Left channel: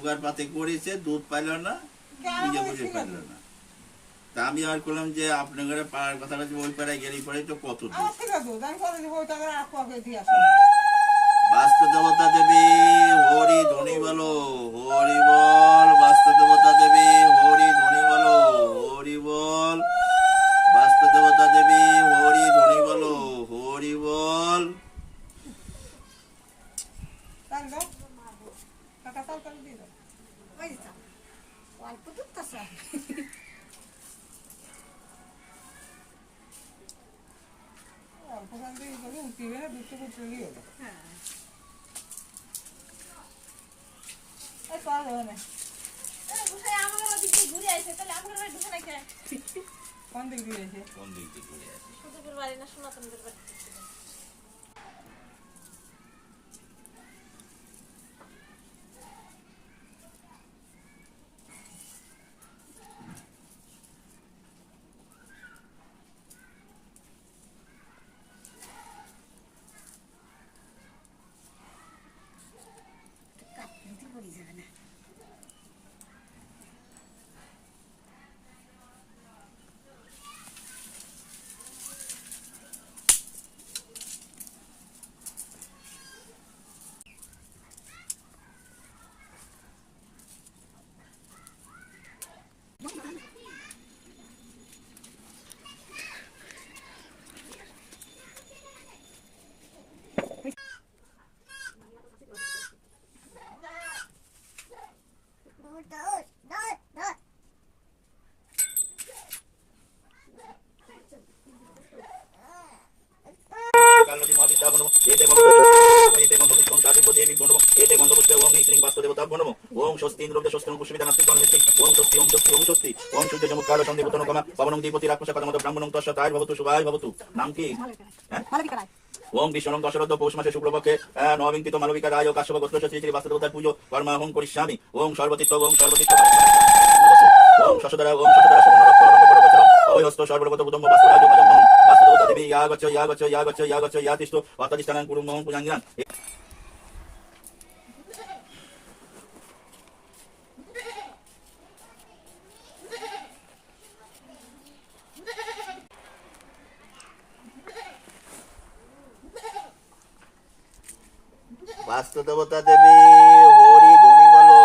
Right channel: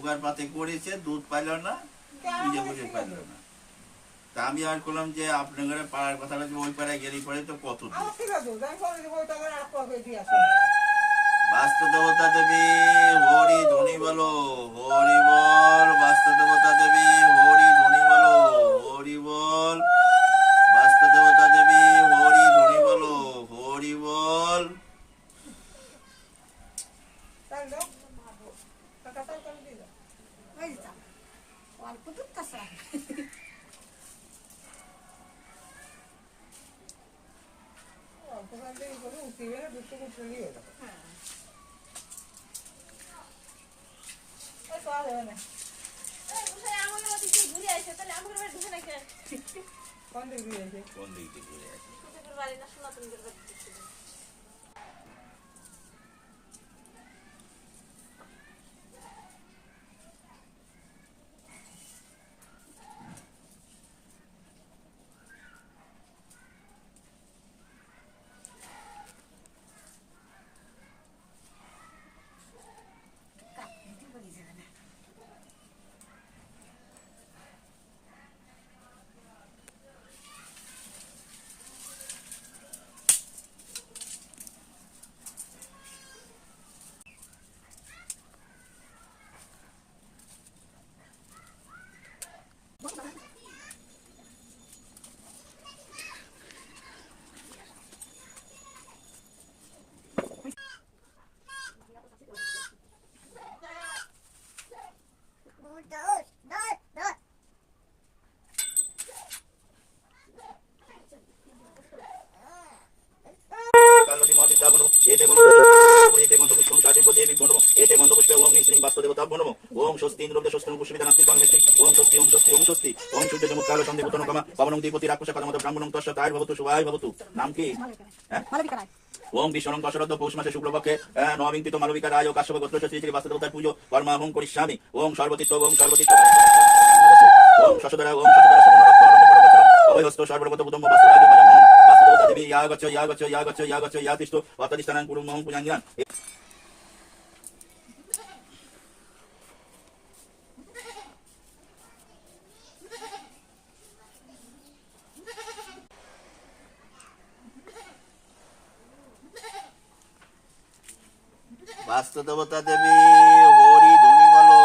জোগাড় পাতি করেছে, দুধ পাইল না, বুঝে বুঝে পাইল না। তা আমি আর করলাম যে আপনার ঘরে পাড়ার কথা বলছি, ওই পাড়ায় গেলে পরে তো কত দুধ। বাস্তু দেবতা দেবী হরি ধ্বনি বলো, হরি বল। বাস্তু দেবতা দেবী হরি ধ্বনি বলো, হরি বল। বাস্তু দেবতা দেবী হরি ধ্বনি বলো, হরি বল। কোন দিক দিয়ে আছে? কোন দিক দিয়ে ঘুরে আসে? ওম স্বস্তি ইন্দ্রকে স্বস্তি পুষ্পিতা নাস্তি কর্মেস্তি ওম স্বস্তি ওম স্বস্তি ওম স্বস্তি ওম সূর্য চমৎকার সন্ধি পুতন কমা পবনং দীপতি রাক্ষস কদমত ব্রাহ্মণং তস্য তাই ভবতু শুভায় ভবতু। নাম কি? ওম বিষ্ণুং দশরথ পৌষ মাসে শুক্লপক্ষে নবীন্তিত মালবিকা রায় ও কাশ্যপ গোত্র শ্রী শ্রী বাস্তুদেবতার পুজো কর্মাহং করিষ্যামি। ওম সর্বতীর্থ ওম সর্বতীর্থ ওম শশধরা ওম শশধরা অভয়হস্ত সর্বগত উদম্ব বাস্তুদেবতা দেবী ইয়া গচ্ছ ইয়া গচ্ছ ইয়া গচ্ছ ইয়া গচ্ছ ইয়া তিষ্ঠ অর্থাদিষ্ঠানাং কুরুং মহং পূজাঞ্জান। বাস্তু দেবতা দেবী হরি ধ্বনি বলো,